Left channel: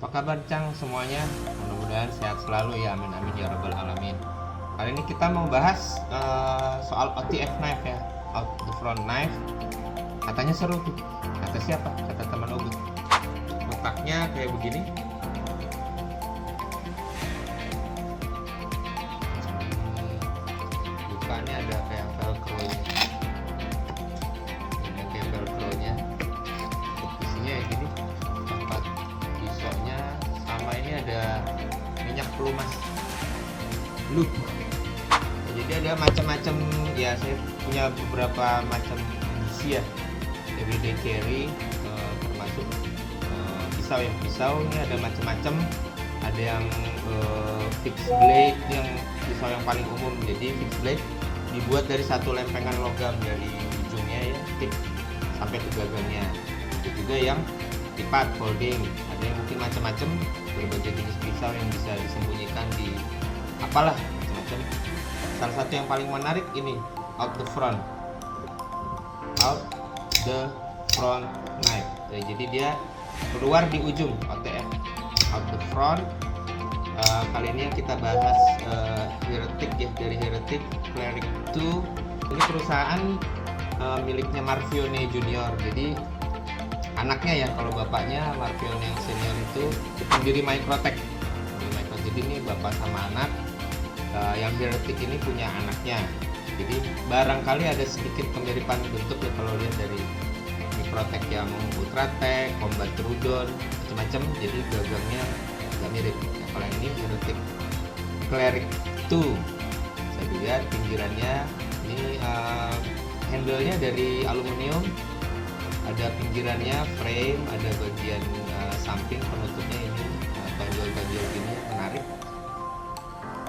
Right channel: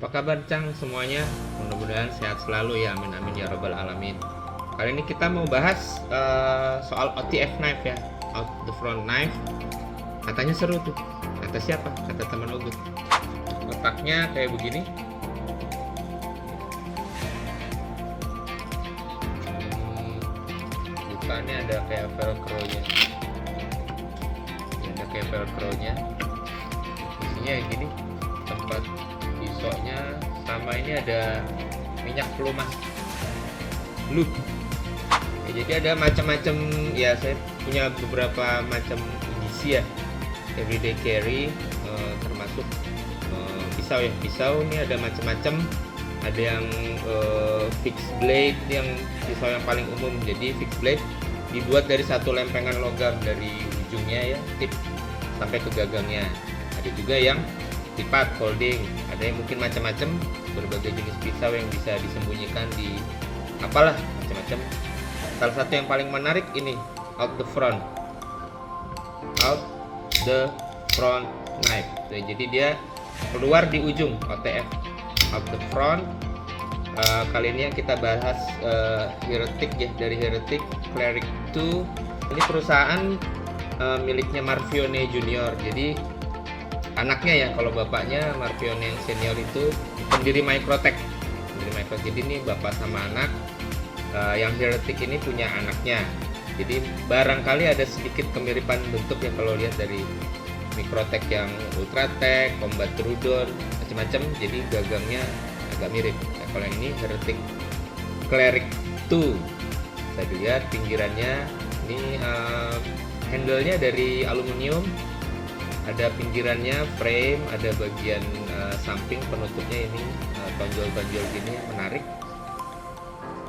Apa kabar Cang semuanya? Mudah-mudahan sehat selalu ya, amin amin ya rabbal alamin. Kali ini kita mau bahas soal OTF knife ya, out the front knife. Katanya seru tuh. Kata siapa? Kata teman Ogut. Letaknya kayak begini. Bukannya ada kayak velcro-nya. Ada kayak velcro-nya. Isinya kayak gini. Tempat pisaunya sama ini ada minyak pelumas lube ya, jadi ada macam-macam ya, saya punya beberapa macam edisi ya, everyday carry, termasuk pisau ya. Pisau ini ada macam-macam, ada yang fixed blade, yang pisau yang paling umum. Jadi fixed blade dibuat dari satu lempengan logam dari ujungnya ya, tip sampai ke gagangnya. Ada juga yang lipat folding, ada yang mungkin macam-macam, berbagai jenis pisau yang bisa disembunyikan di apalah macam-macam. Salah satu yang paling menarik ini out the front knife. Jadi dia keluar di ujung, OTF out the front. Kali ini kita bahas Heretic ya, dari Heretic Cleric 2. Ini perusahaan miliknya Marfione Junior. Jadi anaknya ya, kalau bapaknya Marfione yang senior itu pendiri Microtech. Jadi ini bapak sama anak. Yang Heretic ini punya anaknya. Jadi barangkali ada sedikit kemiripan bentuk ya kalau lihat dari Microtech yang Ultratech, Combat Trudon, macam-macam. Jadi gagangnya agak mirip. Nah, kalau yang ini Heretic Cleric 2. Bisa dilihat pinggirannya ini handle-nya dari aluminium. Ada pinggirannya frame, ada bagian samping penutupnya ini tonjol-tonjol gini menarik.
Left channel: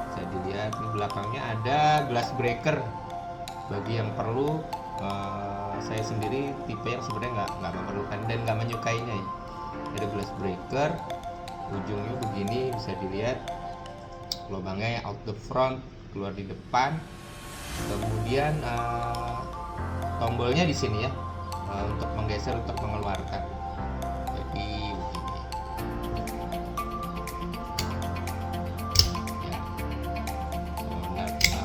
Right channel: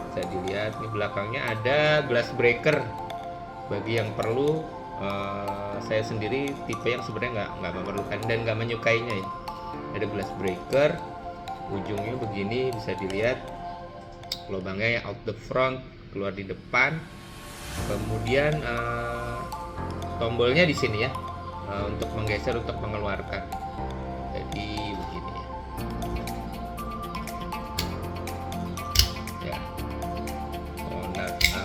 Bisa dilihat di belakangnya ada glass breaker. Bagi yang perlu, saya sendiri tipe yang sebenarnya nggak memerlukan dan nggak menyukainya ya. Ada glass breaker, ujungnya begini, bisa dilihat lubangnya ya, out the front, keluar di depan. Kemudian tombolnya di sini ya, untuk menggeser, untuk mengeluarkan. Jadi begini ya.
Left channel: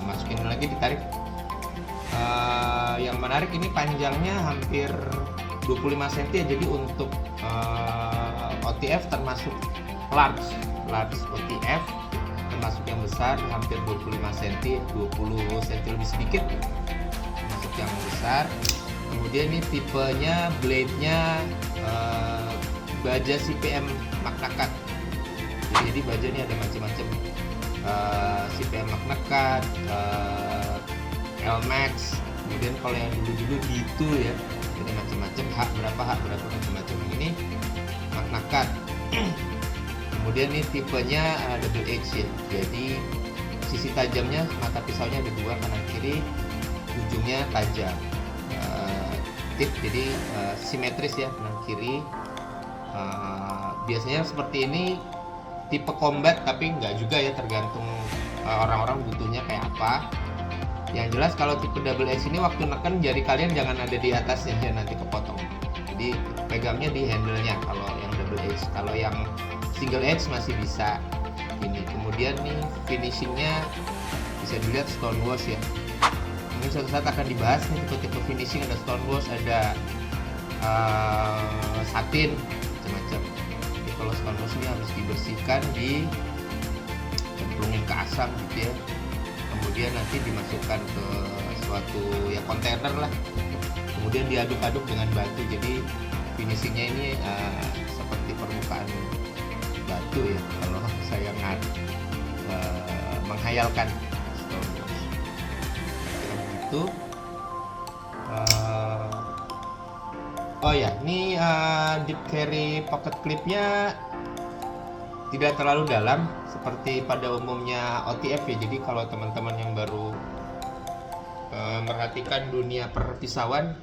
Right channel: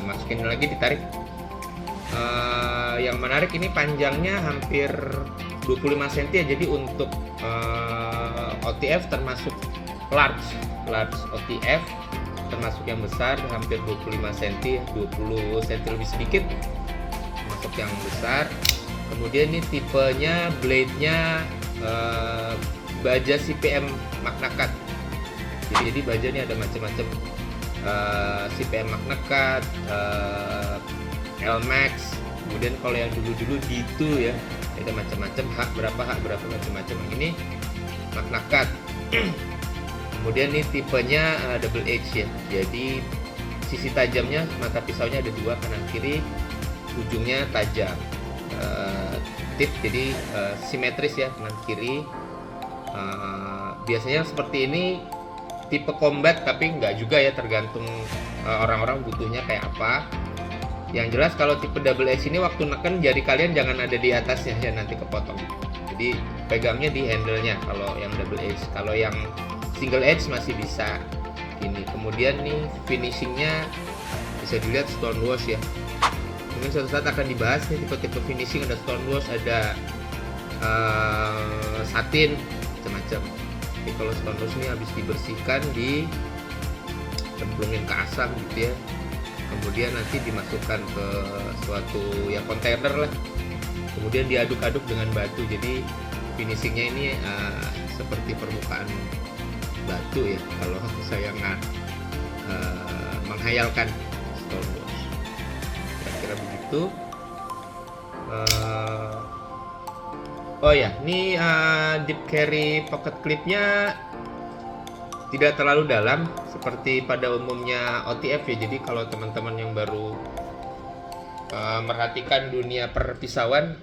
Masukin lagi, ditarik. Yang menarik ini panjangnya hampir 25 cm ya. Jadi untuk OTF termasuk large OTF, termasuk yang besar hampir 25 cm, 20 cm lebih sedikit termasuk yang besar. Kemudian ini tipenya, blade-nya baja CPM Magna Cut. Jadi baja ini ada macam-macam, CPM Magna Cut, L-Max. Kemudian kalau yang dulu-dulu D2 ya, ada macam-macam, hak berapa macam-macam. Yang ini Magna Cut. Kemudian ini tipenya double edge ya. Jadi sisi tajamnya, mata pisaunya ada dua, kanan kiri, ujungnya tajam. Tip jadi simetris ya, kanan kiri. Biasanya seperti ini tipe combat, tapi nggak juga ya, tergantung orang-orang butuhnya kayak apa. Yang jelas kalau tipe double edge ini waktu neken jari kalian jangan ada di atasnya ya, nanti kepotong. Jadi pegangnya di handle-nya kalau yang double edge. Kalau yang single edge masih bisa ini. Kemudian nih finishingnya bisa dilihat stone wash ya. Mungkin suatu saat akan dibahas nih tipe-tipe finishing, ada stone wash, ada satin, macam-macam. Jadi kalau stone wash ini habis dibersihkan, dicemplungin ke asam gitu ya. Kemudian nanti dimasukkan ke suatu ya kontainer lah. Kemudian diaduk-aduk dengan batu. Jadi finishingnya ini seperti permukaan batu ya, kalau saya menghayalkan stone wash. Kira-kira begitu. Oh ya, ini deep carry pocket clipnya tidak terlalu dalam seperti pada umumnya OTF ya. Jadi kalau teman-teman yang baru merhatikan dunia perpisauan,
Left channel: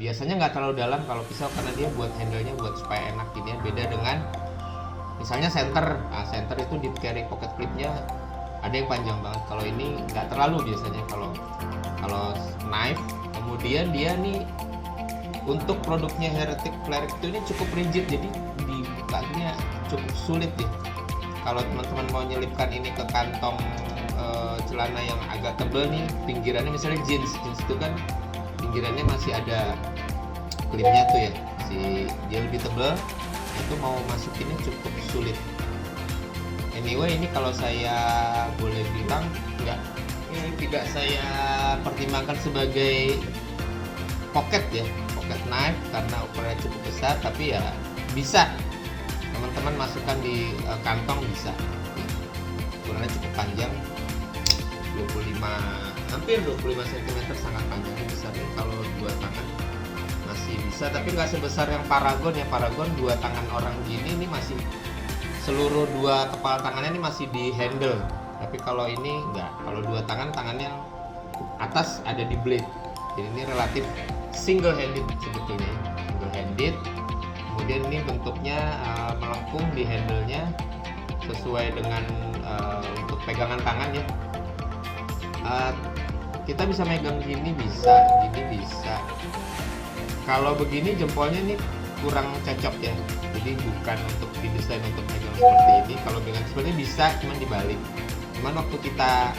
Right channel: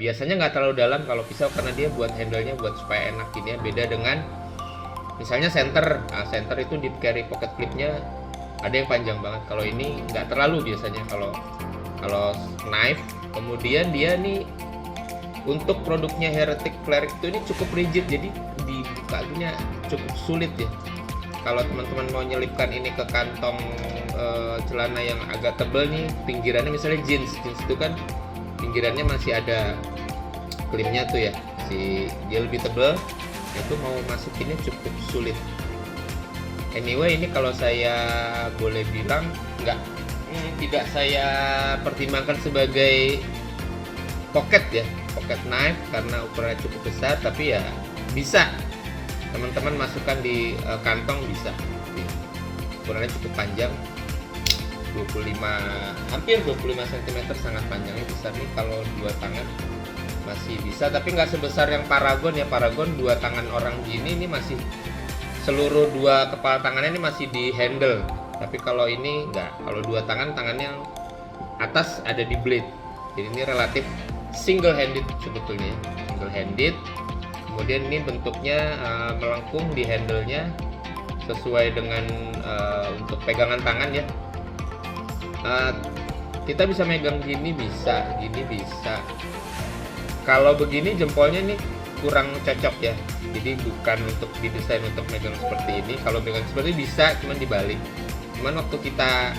biasanya nggak terlalu dalam kalau pisau, karena dia buat handle-nya buat supaya enak ini ya. Beda dengan misalnya center. Center itu deep carry pocket clipnya ada yang panjang banget. Kalau ini nggak terlalu biasanya kalau knife. Kemudian dia nih untuk produknya Heretic Cleric itu ini cukup rigid, jadi dibukanya cukup sulit ya. Kalau teman-teman mau nyelipkan ini ke kantong celana yang agak tebal nih, pinggirannya misalnya jeans itu kan pinggirannya masih ada klipnya tuh ya, dia lebih tebal, itu mau masukinnya cukup sulit. Anyway, ini kalau saya boleh bilang tidak saya pertimbangkan sebagai pocket ya, pocket knife karena ukurannya cukup besar, tapi ya bisa teman-teman masukkan di kantong, bisa. Ukurannya cukup panjang, hampir 25 cm, sangat panjangnya, besar nih. Kalau dua tangan masih bisa, tapi nggak sebesar yang Paragon ya. Paragon dua tangan orang gini, ini masih seluruh dua kepala tangannya ini masih di handle, tapi kalau ini enggak. Kalau dua tangannya atas ada di blade, jadi ini relatif single handed sebetulnya, single handed. Kemudian ini bentuknya melengkung di handle-nya sesuai dengan untuk pegangan tangan ya. Kita bisa megang gini bisa, gini bisa. Kalau begini jempolnya ini kurang cocok ya, jadi bukan untuk didesain untuk megang seperti ini. Kalau megang seperti ini bisa, cuman dibalik. Cuman waktu kita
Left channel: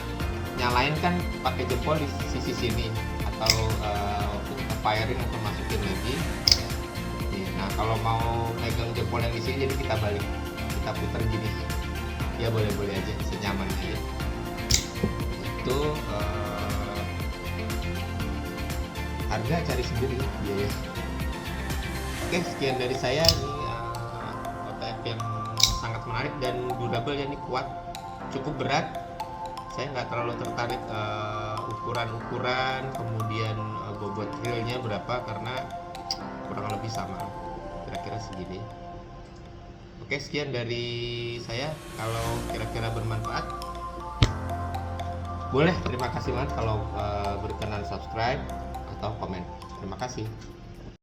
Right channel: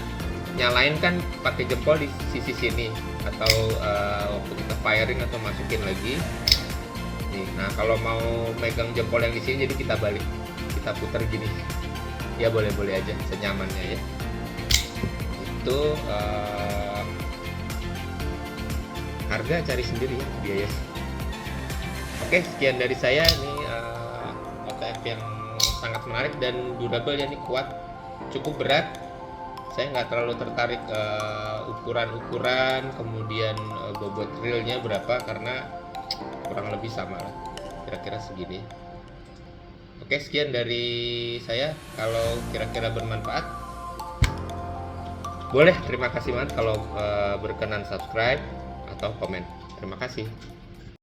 nyalain kan pakai jempol di sisi sini, atau waktu kita firing atau masukin lagi nih. Nah, kalau mau megang jempol yang di sini, jadi kita balik, kita putar gini ya, boleh-boleh aja senyamannya ya. Itu harga cari sendiri ya, biaya. Oke, sekian dari saya. Ini OTF yang sangat menarik dan durable ya, ini kuat, cukup berat. Saya nggak terlalu tertarik ukuran-ukuran, kemudian bobot realnya berapa, karena kurang lebih sama lah, kira-kira segini. Oke, sekian dari saya. Kalau kira-kira bermanfaat, boleh, terima kasih banget kalau berkenan subscribe atau komen. Terima kasih.